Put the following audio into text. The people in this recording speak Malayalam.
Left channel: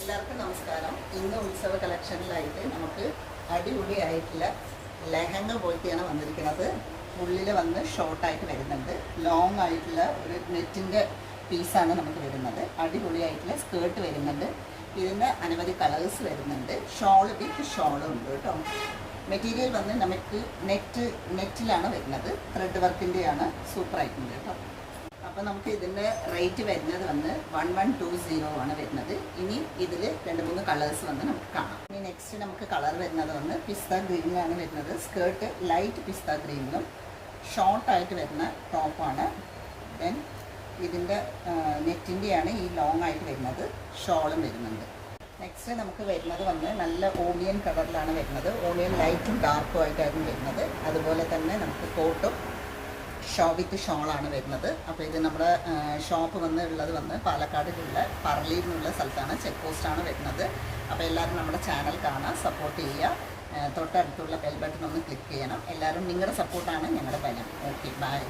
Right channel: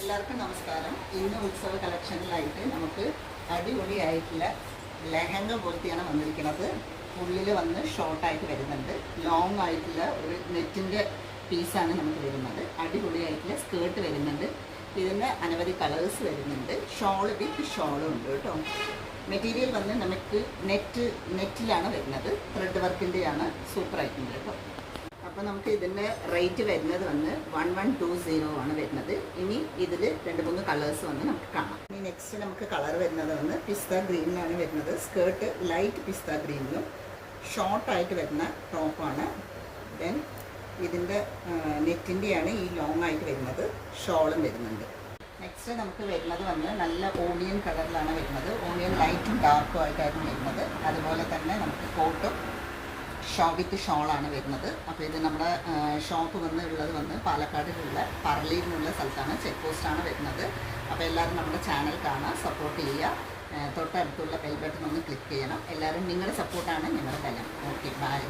എല്ലാവർക്കും നമസ്കാരം. ഇന്ന് ഉത്സവ കളക്ഷനിലായിട്ട് നമുക്ക് അടിപൊളിയായിട്ടുള്ള ലെഹങ്ക പോലത്തെയാണ് വന്നിരിക്കുന്നത്. ഉള്ളിൽ വന്ന് ഷോർട്ടായിട്ട് വരുന്നുണ്ട്. ലോങ് ആയിട്ടുള്ള ഒരു നെറ്റിൻ്റെ പീസാണ് നമുക്ക് വരുന്നത്. അടിപൊളിയായിട്ടുള്ള സ്കേർട്ട് വരുന്നുണ്ട്. ഇതിന് അനവധി കളേഴ്സ് വരുന്നുണ്ട്. ഷോൾ വിത്ത് ഷോളും ഉണ്ട് കേട്ടോ. മെറ്റീരിയൽ വന്ന് നമുക്ക് നെറ്റിലാണ് വരുന്നത്. ത്രെഡ് വർക്കിൻ്റെയാണ്. സൂപ്പറായിട്ടുണ്ട് കേട്ടോ. അപ്പോൾ നമുക്ക് ഇതിൻ്റെ റേറ്റ് വരുന്നത് വന്ന് 1120 ആണ് വരുന്നത്. ഇനി ഇതിൽ 2-3 കളേഴ്സ് വന്ന് നമുക്ക് കാണാം. ഇനി നെക്സ്റ്റ് നമുക്ക് കളർ വരുന്നത് വന്ന് പിസ്ത ഗ്രീനിലാണ് വരുന്നത്. സ്കേർട്ട് ലൈറ്റ് പിസ്ത ഗ്രീനിലും ഷോർട്ടായിട്ട് വരുന്ന ടോപ്പാണ്. ദെൻ ഇതിൻ്റെ നെറ്റിൻ്റെയാണ് ഈ ലോങ് ആയിട്ട് വരുന്നത്. ഷോളും വരുന്നുണ്ട്. നെക്സ്റ്റ് നമുക്ക് വരുന്നത് വന്ന് നല്ല ഓണിയൻ കളറിലാണ് വരുന്നത്. ഓണിയൻ ലൈറ്റും ഡാർക്കും ആയിട്ടായിരുന്നു വരുന്നത്. അതുപോലെ തന്നെ നമുക്ക് കോട്ടും വിത്ത് ഷോളാണ് വരുന്നത്. അപ്പോൾ ഇത് നമ്മുടെ ഷോപ്പ് ഉള്ളത് വന്ന് പാലക്കാടിലുള്ള പറളിയിൽ നിന്നുള്ള സ്ഥലത്താണ്. ചെക്ക് പോസ്റ്റാണ് വരുന്നത്. അപ്പോൾ എല്ലാവരും നമ്മുടെ ചാനൽ കാണാൻ സപ്പോർട്ട് ചെയ്യുക. തൊട്ടടുത്തുള്ള ബെൽ ബട്ടൺ ഒന്ന് ക്ലിക്ക് ചെയ്യണം. എല്ലാവരും നിങ്ങളുടെ സപ്പോർട്ടാണ് ഞങ്ങളുടെ ബലം. Okay, by.